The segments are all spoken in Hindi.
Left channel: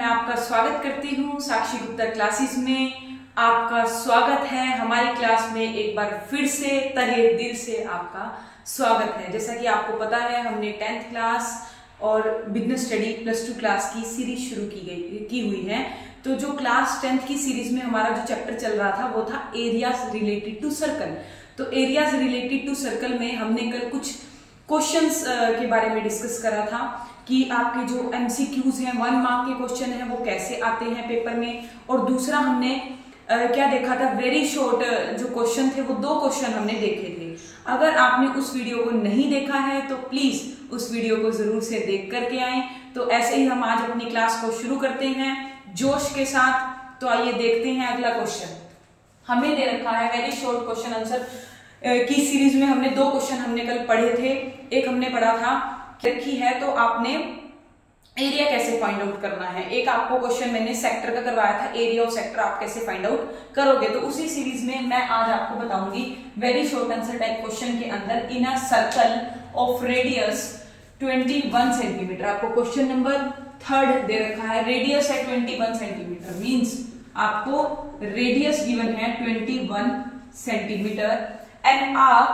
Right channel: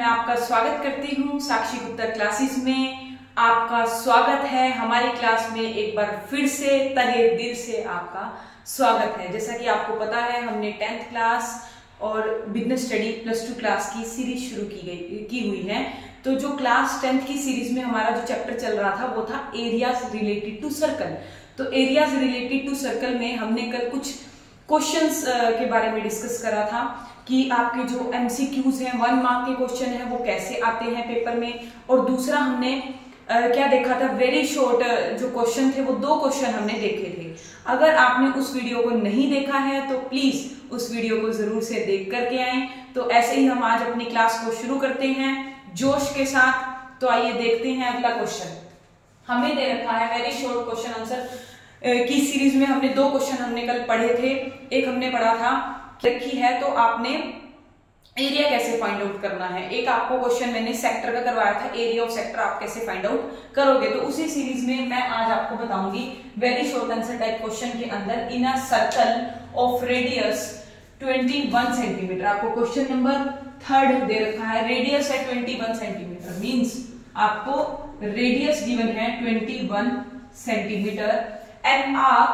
मैं आपका स्वागत करती हूँ साक्षी गुप्ता क्लासेस में। आपका स्वागत है हमारी क्लास में। एक बार फिर से तहे दिल से आपका स्वागत है। जैसा कि आपको पता है, हमने 10th क्लास और बिजनेस स्टडी +2 क्लास की सीरीज शुरू की हुई है। तो जो क्लास 10th की सीरीज में हमारा जो चैप्टर चल रहा था वो था एरियाज रिलेटेड टू सर्कल। तो एरियाज रिलेटेड टू सर्कल में हमने कल कुछ क्वेश्चंस के बारे में डिस्कस करा था कि आपके जो एमसीक्यूज हैं, 1 मार्क के क्वेश्चन हैं, वो कैसे आते हैं पेपर में। और दूसरा हमने क्या देखा था, वेरी शॉर्ट जो क्वेश्चन थे वो 2 क्वेश्चन हमने देखे थे। अगर आपने उस वीडियो को नहीं देखा है तो प्लीज उस वीडियो को जरूर से देख करके आए। तो ऐसे ही हम आज अपनी क्लास को शुरू करते हैं जोश के साथ। तो आइए देखते हैं अगला क्वेश्चन। हमें दे रखा है वेरी शॉर्ट क्वेश्चन आंसर की सीरीज में हमने 2 क्वेश्चन हमने कल पढ़े थे। एक हमने पढ़ा था रखी है तो आपने एरिया कैसे फाइंड आउट करना है। एक आपको क्वेश्चन मैंने सेक्टर का करवाया था, एरिया ऑफ सेक्टर आप कैसे फाइंड आउट करोगे। तो उसी सीरीज में मैं आज आपको बताऊंगी very short answer type question के अंदर in a circle of radius 21 centimetre. आपको क्वेश्चन नंबर 3 दे रखा है, रेडियस है 21 सेंटीमीटर, मीन्स आपको रेडियस गिवन है 21 centimetre and arc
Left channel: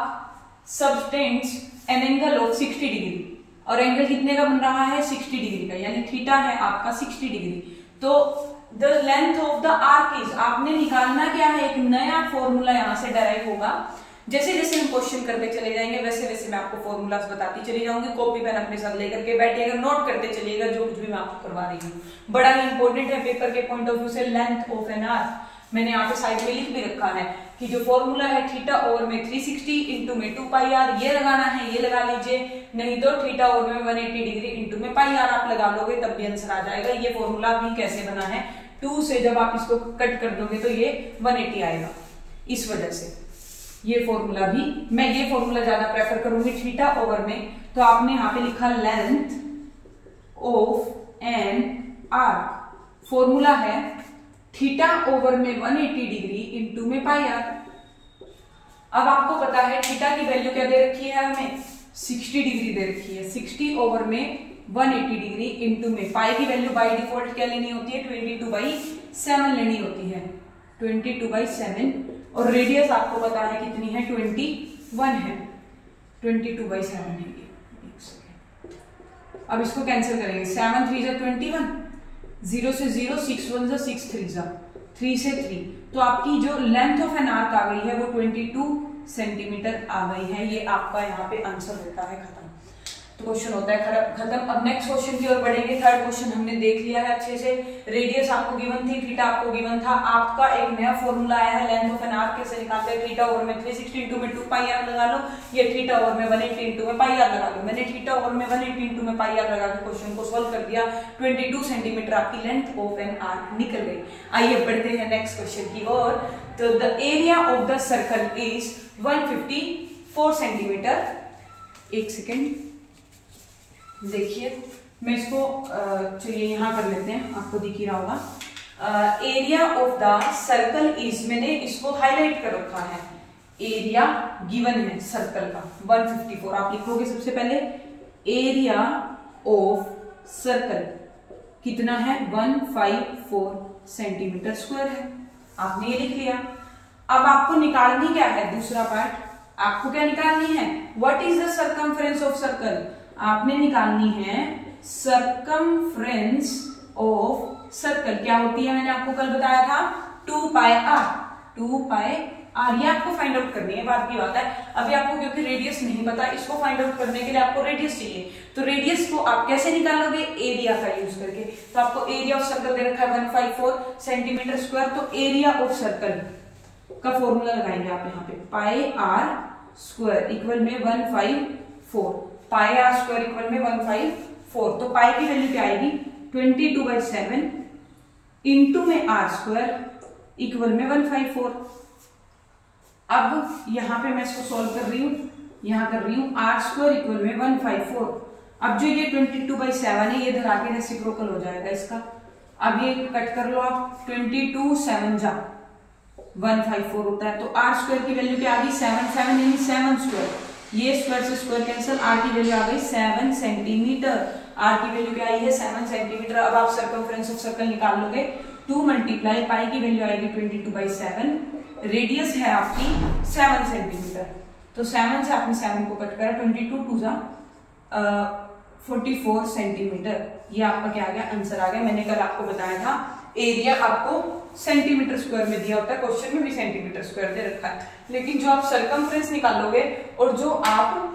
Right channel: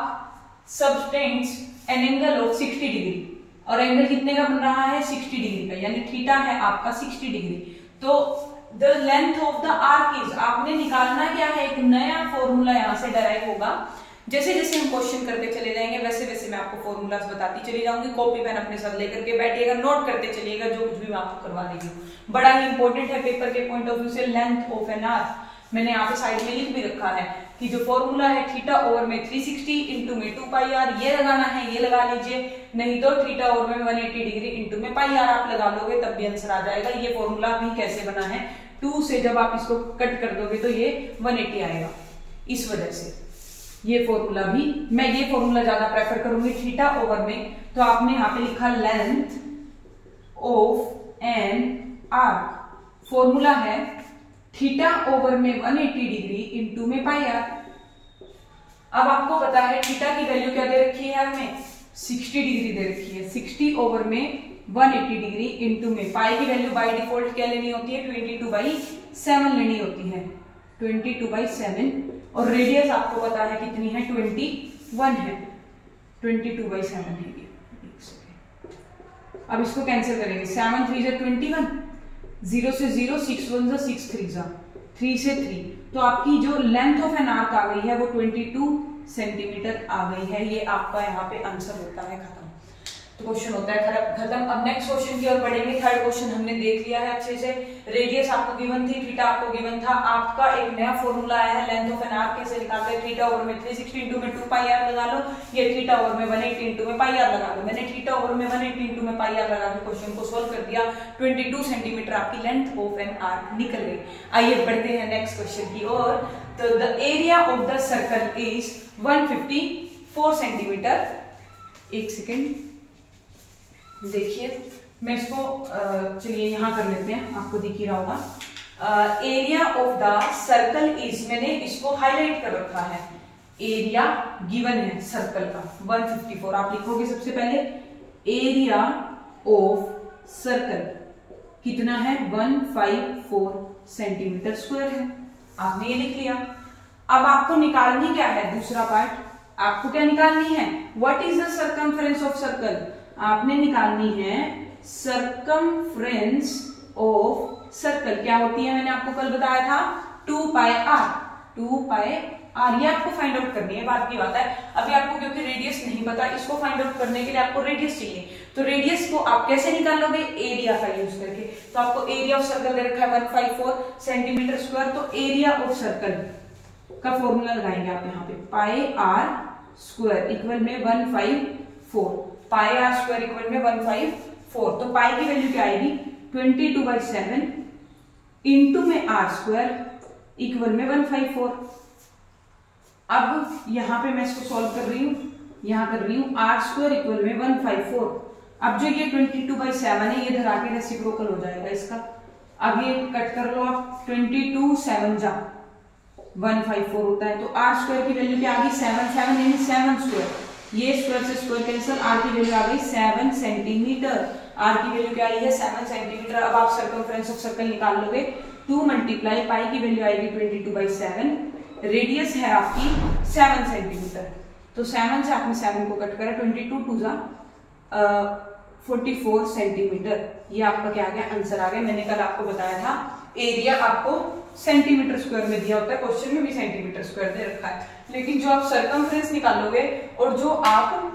subtends an angle of 60 degree. और एंगल कितने का बन रहा है, 60 डिग्री का, यानी थीटा है आपका 60 डिग्री। तो the length of the arc is, आपने निकालना क्या है, एक नया फॉर्मूला यहां से डराइव होगा। जैसे जैसे हम क्वेश्चन करते चले जाएंगे वैसे वैसे मैं आपको फॉर्मूलाज बताती चली जाऊंगी। कॉपी पेन अपने साथ लेकर के बैठिएगा, नोट करते चलिएगा जो कुछ भी मैं आपको करवा रही हूँ। बड़ा ही इंपॉर्टेंट है पेपर के पॉइंट ऑफ व्यू से। लेंथ ऑफ एन आर्क मैंने यहाँ पे साइड में लिख भी रखा है कि जो फॉर्मूला है थीटा ओवर में 360 इंटू में 2 पाई आर, ये लगाना है, ये लगा लीजिए। नहीं तो थीटा ओवर में 180 डिग्री इंटू में पाई आर आप लगा लोगे तब भी आंसर आ जाएगा। ये फॉर्मूला भी कैसे बना है, 2 से जब आप इसको कट कर दोगे तो ये 180 आएगा। इस वजह से ये फॉर्मूला भी, मैं ये फॉर्मूला ज्यादा प्रेफर करूंगी थीटा ओवर में। तो आपने यहाँ पे लिखा length of an arc, formula है थीटा ओवर में 180 डिग्री इंटू में पाई आर। अब आपको पता है थीटा की वैल्यू क्या दे रखी है, हमें 60 डिग्री दे रखी है। 60 ओवर में 180 डिग्री इंटू में पाई की वैल्यू बाय डिफॉल्ट क्या लेनी होती है, 22/7 लेनी होती है, 22/7। और रेडियस आपको पता है कितनी है, 21 है, 22/7 है ये। अब इसको कैंसिल करेंगे, 7 3 जा 21, 0 से 0, 6 1 जा 6 3 जा 3 से 3। तो आपकी जो लेंथ ऑफ एन आर्क आ गई है वो 22 सेंटीमीटर आ गई है। ये आपका यहाँ पे आंसर होता है खत्म। तो क्वेश्चन होता है खत्म। अब नेक्स्ट क्वेश्चन की ओर बढ़ेंगे। 3rd क्वेश्चन हमने देख लिया है अच्छे से। रेडियस आपको गिवन थी, थीटा आपको गिवन था। आपका एक नया फॉर्मूला आया है लेंथ ऑफ एन आर्क कैसे निकालते हैं। थीटा ओवर में 360 इंटू में 2 पाई आर लगा लो, ये थीटा ओवर में 180 इंटू में पाई आर लगा लो। मैंने थीटा ओवर में 180 इंटू में पाई आर लगा के क्वेश्चन को सोल्व कर दिया। 22 सेंटीमीटर आपकी लेंथ ऑफ एन आर्क निकल गई। आइए बढ़ते हैं नेक्स्ट क्वेश्चन की ओर। तो the area of the circle is 154 centimetre. एक सेकेंड देखिए, मैं इसको चलिए यहां कर लेते हैं, आपको दिख ही रहा होगा। Area of the circle is, मैंने इसको हाईलाइट कर रखा है। एरिया गिवन है सर्कल का 154। आप लिखोगे सबसे पहले एरिया ऑफ सर्कल कितना है, 154 सेंटीमीटर स्क्वायर है। आपने ये लिख लिया। अब आपको निकालनी क्या है, दूसरा पार्ट आपको क्या निकालनी है, what is the circumference of circle. आपने निकालनी है सर्कमफ्रेंस ऑफ सर्कल। क्या होती है, मैंने आपको कल बताया था 2 पाई आर। 2 पाई आर ये आपको फाइंड आउट करनी है, बात की बात है। अभी आपको क्योंकि रेडियस नहीं पता, इसको फाइंड आउट करने के लिए आपको रेडियस चाहिए। तो रेडियस को आप कैसे निकालोगे, एरिया का यूज करके। तो आपको एरिया ऑफ सर्कल दे रखा है 154 सेंटीमीटर स्क्वायर। तो एरिया ऑफ सर्कल का फॉर्मूला लगाएंगे आप यहाँ पे, पाई आर स्क्वायर इक्वल में 154, पाई आर स्क्वायर इक्वल में 154। तो पाई की वैल्यू क्या आएगी, 22/7 इंटू में आर स्क्वायर इक्वल में 154। अब यहां पे मैं इसको सॉल्व कर रही हूं, यहां कर रही हूं आर स्क्वायर इक्वल में 154। अब जो ये 22/7 है ये धरा के रेसिप्रोकल हो जाएगा इसका। अब ये कट कर लो आप, 22 7 जा 154 होता है। तो आर स्क्वायर की वैल्यू क्या आ गई, 7 यानी 7 स्क्वायर। ये स्क्वायर से स्क्वायर कैंसिल, आर की वैल्यू आ गई 7 सेंटीमीटर। आर की वैल्यू क्या आई है 7 सेंटीमीटर। अब आप सर्कमफ्रेंस ऑफ सर्कल निकाल लोगे 2 मल्टीप्लाई पाई की वैल्यू आएगी 22/7, रेडियस है आपकी 7 सेंटीमीटर, तो 7 से आपने 7 को कट करा, 22 2 जा 44 सेंटीमीटर। ये आपका क्या आ गया, आंसर आ गया। मैंने कल आपको बताया था एरिया आपको सेंटीमीटर स्क्वायर में दिया होता है, क्वेश्चन में भी सेंटीमीटर स्क्वायर दे रखा है, लेकिन जो आप सर्कमफ्रेंस निकालोगे और जो आप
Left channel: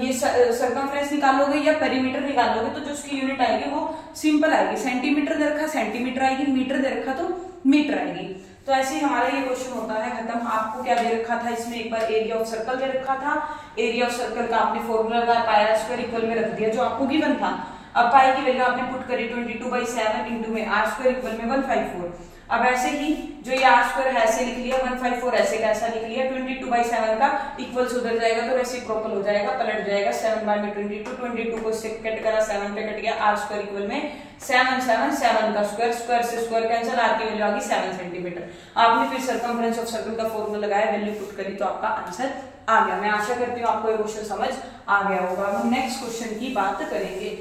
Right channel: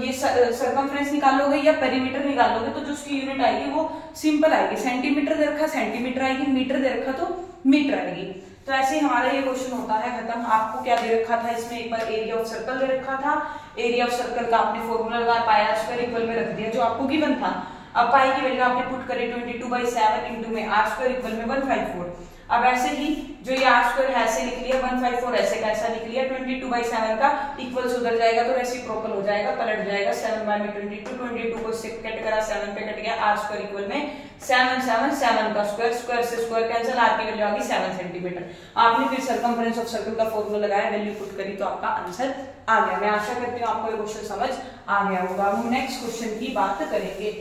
ये सर्कमफ्रेंस निकालोगे या पेरीमीटर निकालोगे तो जो उसकी यूनिट आएगी वो सिंपल आएगी, सेंटीमीटर दे रखा सेंटीमीटर आएगी, मीटर दे रखा तो मीटर आएगी। तो ऐसे ही हमारा ये क्वेश्चन होता है खत्म। आपको क्या दे रखा था इसमें, एक बार एरिया ऑफ सर्कल दे रखा था, एरिया ऑफ सर्कल का आपने फॉर्मूला लगाया पाई आर स्क्वायर इक्वल में रख दिया जो आपको गिवन था। अब पाई की वैल्यू आपने पुट करी 22/7 इंटू में आर स्क्वायर इक्वल में 154। अब ऐसे ही जो ये आर स्क्वायर है ऐसे लिख लिया, 154 ऐसे का ऐसा लिख लिया, 22/7 का इक्वल से उधर जाएगा तो रेसिप्रोकल हो जाएगा, पलट जाएगा 7 बाय में 22 को से कट करा 7 पे कट गया, आर स्क्वायर इक्वल में 7 7 का स्क्वायर, स्क्वायर से स्क्वायर कैंसिल, आर की वैल्यू आ गई 7 सेंटीमीटर। आपने फिर सर्कमफ्रेंस ऑफ सर्कल का फॉर्मूला लगाया, वैल्यू पुट करी तो आपका आंसर आ गया। मैं आशा करती हूँ आपको ये क्वेश्चन समझ आ गया होगा। अब हम नेक्स्ट क्वेश्चन की बात करेंगे।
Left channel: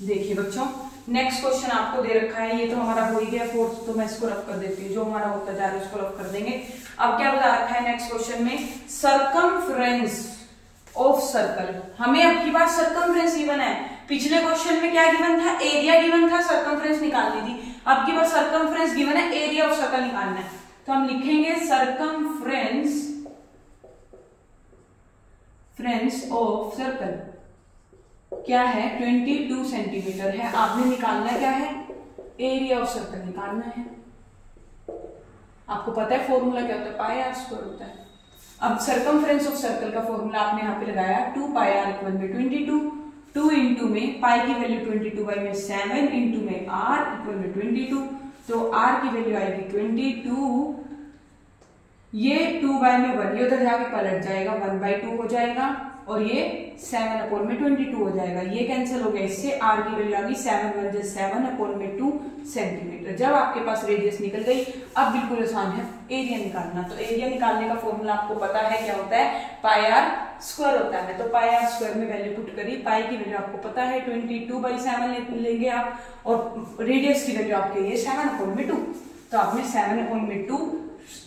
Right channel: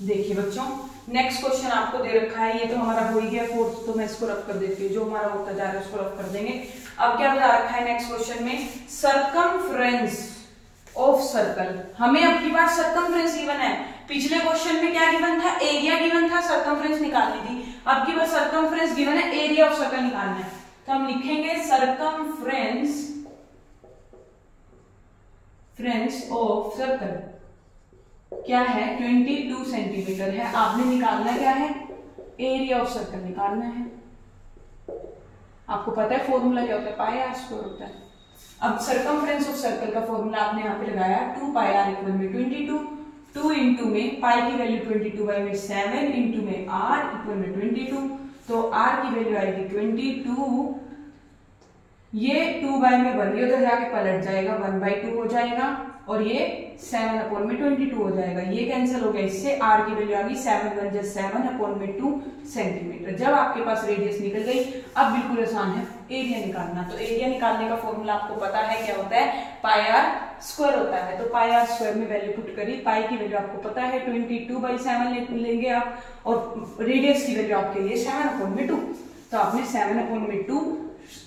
देखिए बच्चों, नेक्स्ट क्वेश्चन आपको दे रखा है, ये तो हमारा हो ही गया फोर्थ, तो मैं इसको रख कर देती हूँ, जो हमारा होता जा रहा है उसको रख कर देंगे। अब क्या बता रखा है नेक्स्ट क्वेश्चन में, सर्कमफ्रेंस ऑफ सर्कल। हमें अब की बार सर्कमफ्रेंस गिवन है, पिछले क्वेश्चन में क्या गिवन था, एरिया गिवन था, सर्कमफ्रेंस निकालनी थी। अब की बार सर्कमफ्रेंस गिवन है, एरिया ऑफ सर्कल निकालना है, तो हम लिखेंगे सर्कमफ्रेंस ऑफ सर्कल क्या है 22 सेंटीमीटर है। आपने निकालना क्या है, एरिया ऑफ सर्कल निकालना है। आपको पता है फॉर्मूला क्या होता है, पाई आर स्क्वायर होता है। अब सर्कमफ्रेंस ऑफ सर्कल का फॉर्मूला आपने यहाँ पे लगाया 2 पाई आर इक्वल में 22, 2 इंटू में पाई की वैल्यू 22/7 इंटू में आर इक्वल में 22, तो आर की वैल्यू आएगी 22, ये 2 बाय में 1, ये उधर जाके पलट जाएगा 1/2 हो जाएगा, और ये 7/22 हो जाएगा, ये कैंसिल हो गया, इससे आर की वैल्यू आ गई 7 1 7/2 सेंटीमीटर। जब आपके पास रेडियस निकल गई, अब बिल्कुल आसान है एरिया निकालना। तो एरिया निकालने का फॉर्मूला आपको पता है क्या होता है, पाई आर स्क्वायर होता है। तो पाई आर स्क्वायर में वैल्यू पुट करी, पाई की वैल्यू आपको पता है 22/7 लेंगे आप, और रेडियस की वैल्यू आपके लिए 7/2, तो आपने 7/2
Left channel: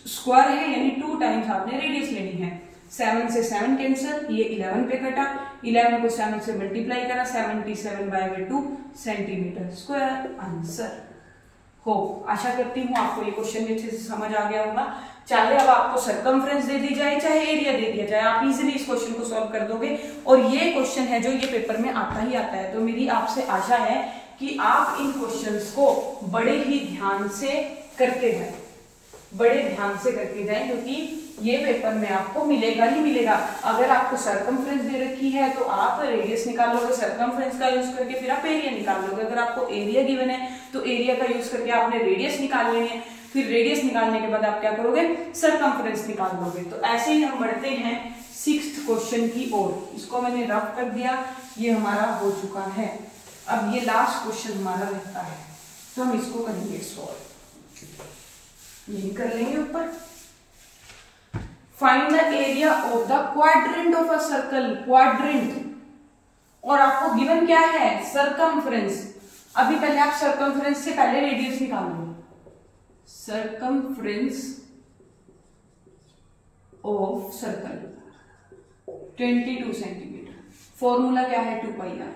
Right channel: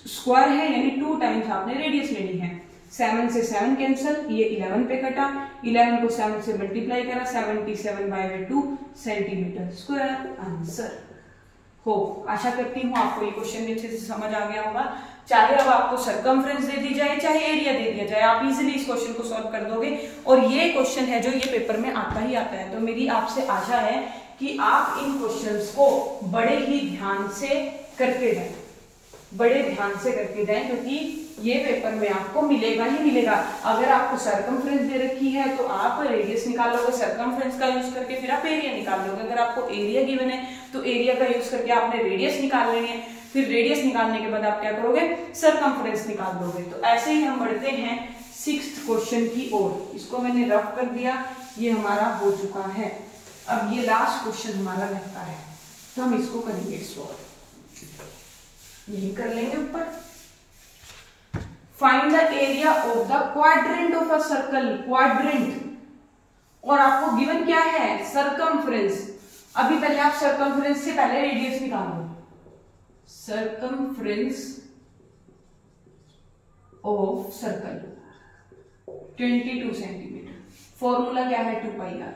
स्क्वायर है यानी 2 टाइम्स आपने रेडियस लेनी है। 7 से 7 कैंसिल, ये 11 पे कटा, 11 को 7 से मल्टीप्लाई करा, 77/2 सेंटीमीटर स्क्वायर आंसर हो। आशा करती हूँ आपको ये क्वेश्चन भी अच्छे से समझ आ गया होगा। चाहे अब आपको सर्कमफ्रेंस दे दी जाए चाहे एरिया दे दिया जाए, आप इजीली इस क्वेश्चन को सॉल्व कर दोगे। और ये क्वेश्चन है जो ये पेपर में आता ही आता है, तो मेरी आपसे आशा है कि आप इन क्वेश्चंस को बड़े ही ध्यान से करके जाएं, बड़े ध्यान से करके जाएं, क्योंकि ये पेपर में आपको मिलेगा ही मिलेगा। अगर आपको सर्कमफ्रेंस दे रखी है तो आप रेडियस निकाल लोगे, सर्कमफ्रेंस का यूज करके फिर आप एरिया निकाल लोगे। अगर आपको एरिया गिवन है तो एरिया का यूज करके आपने रेडियस निकाल लेनी है, फिर रेडियस निकालने के बाद आप क्या करोगे, सर्कमफ्रेंस निकाल लोगे। तो ऐसे ही हम बढ़ते हैं 6th क्वेश्चन की ओर। इसको मैंने रफ कर दिया, ये हमारा हो चुका है। अब ये लास्ट क्वेश्चन हमारा रहता है, तो हम इसको करेंगे सॉल्व, यही कर लेंगे ऊपर। Find the area of the quadrant of a circle, quadrant, और आपको गिवन क्या है, सर्कमफ्रेंस। अभी पहले आप सर्कमफ्रेंस से पहले रेडियस निकालो, circumference of circle 22 centimetre. Formula क्या है, 2 पाई आर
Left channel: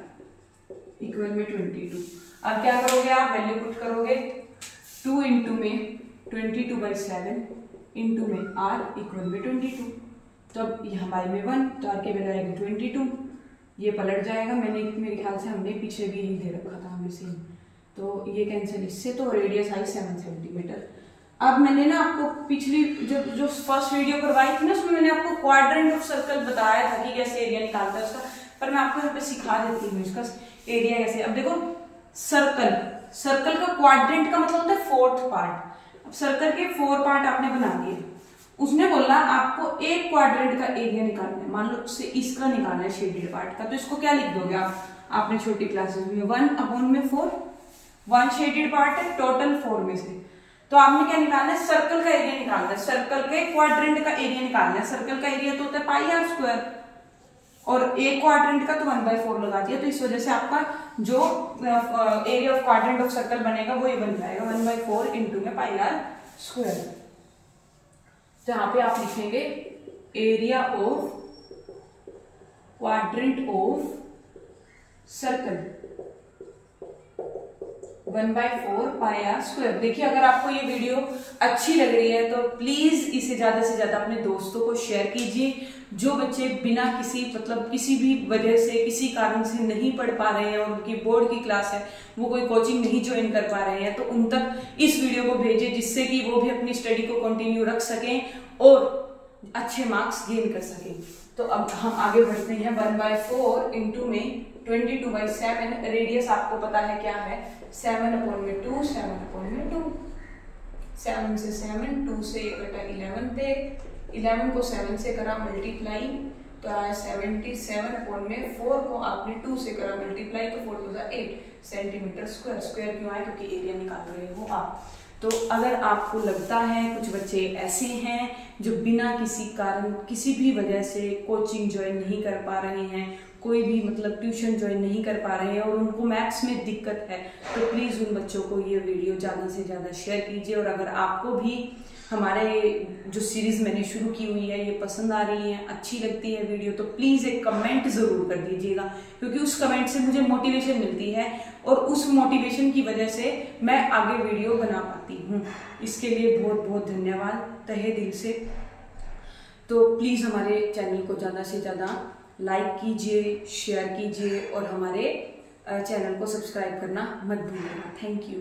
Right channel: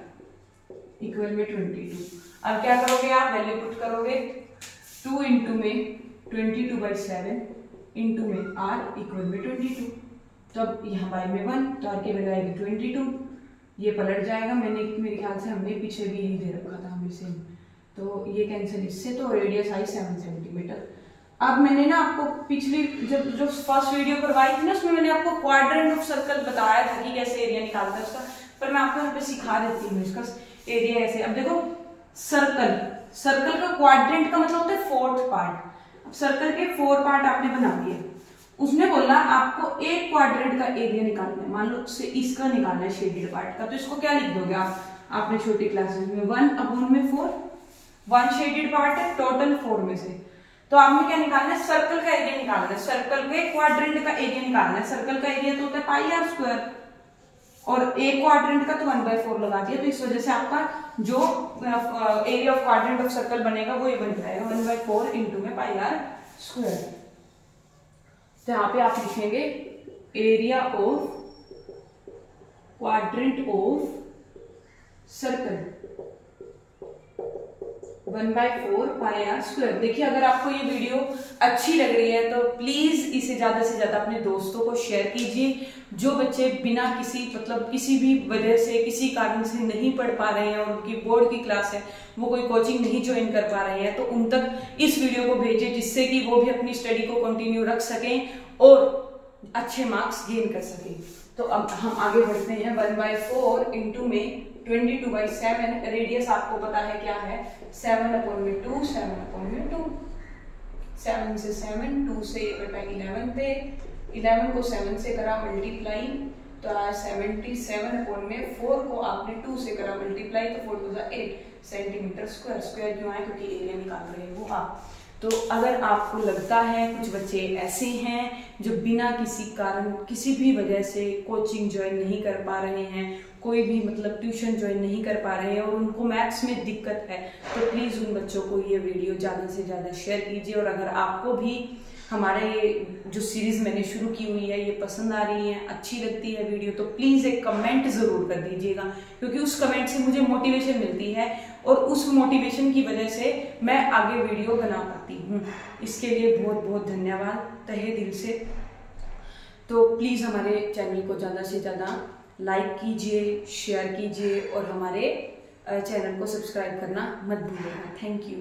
इक्वल में 22। अब क्या करोगे आप, वैल्यू पुट करोगे, 2 इंटू में 22/7 इंटू में आर इक्वल में 22, तो अब यहाँ बाई में 1, तो आर की वैल्यू आएगी 22, ये पलट जाएगा। मेरे ख्याल से हमने पीछे भी यही दे रखा था हमें सेम, तो ये कैंसिल इससे, तो रेडियस आई 7 सेंटीमीटर। अब मैंने ना आपको पिछली जो फर्स्ट वीडियो करवाई थी ना, उसमें मैंने आपको क्वाड्रेंट ऑफ सर्कल बताया था कि कैसे एरिया निकालता है उसका, पर मैं आपको यहाँ पे सिखा देती हूँ इसका एरिया कैसे। अब देखो, सर्कल का क्वाड्रेंट का मतलब होता है 4th पार्ट। अब सर्कल के 4 पार्ट आपने बना दिए, उसने बोला आपको एक क्वाड्रेंट का एरिया निकालना है, मान लो से इसका निकालना है शेडेड पार्ट का, तो इसको क्या लिख दोगे आप, आपने छोटी क्लासेस में 1/4, 1 शेडेड पार्ट है टोटल 4 में से, तो आपने क्या निकालना है, सर्कल का एरिया निकालना है, सर्कल के क्वाड्रेंट का एरिया निकालना है। सर्कल का एरिया तो होता है पाई आर स्क्वायर, और एक क्वाड्रेंट का तो 1/4 लगा दिया, तो इस वजह से आपका जो area of quadrant of circle बनेगा वो ही बन जाएगा 1/4 इंटू में पाई आर स्क्वायर। तो यहाँ पे आप लिखेंगे area of quadrant of circle 1/4 pi r square. देखिए अगर आपको ये वीडियो अच्छी लग रही है तो प्लीज इसे ज्यादा से ज्यादा अपने दोस्तों को शेयर कीजिए। जो बच्चे बिना किसी भी वजह से, किसी कारण से नहीं पढ़ पा रहे हैं और उनकी बोर्ड की क्लास है, वो कोई कोचिंग नहीं ज्वाइन कर पा रहे हैं, तो उन तक इस वीडियो को भेजिए, जिससे कि वो भी अपनी स्टडी को कंटिन्यू रख सकें और अच्छे मार्क्स गेन कर सकें। तो अब हम आगे बढ़ते हैं। 1/4 इंटू में 22/7, रेडियस आपको पता है क्या है, 7/2, 7/2, 7 से 7, 2 से 11 थे, 11 को 7 से करा मल्टीप्लाई तो आया 77/4 को आपने 2 से करा मल्टीप्लाई तो 4 2 8 सेंटीमीटर स्क्वायर। स्क्वायर क्यों आए, क्योंकि एरिया निकाल रहे हो आप। तो अगर आपको लगता है कुछ बच्चे ऐसे हैं जो बिना किसी कारण, किसी भी वजह से कोचिंग ज्वाइन नहीं कर पा रहे हैं, कोई भी ट्यूशन ज्वाइन नहीं कर पा रहे हैं और उनको मैथ्स में दिक्कत है, तो प्लीज उन बच्चों को ये वीडियो ज्यादा से ज्यादा शेयर कीजिए। और अगर आपको भी हमारे जो सीरीज मैंने शुरू की हुई है ये पसंद आ रही है, अच्छी लगती है वीडियो, तो प्लीज एक कमेंट जरूर कर दीजिएगा, क्योंकि उस कमेंट से मुझे मोटिवेशन मिलती है और उस मोटिवेशन की वजह से मैं आगे वीडियो बना पाती हूँ। इसके लिए बहुत बहुत धन्यवाद तहे दिल से। तो प्लीज हमारे चैनल को ज्यादा से ज्यादा लाइक कीजिए, शेयर कीजिए और हमारे चैनल को सब्सक्राइब करना मत भूलिएगा। Thank you.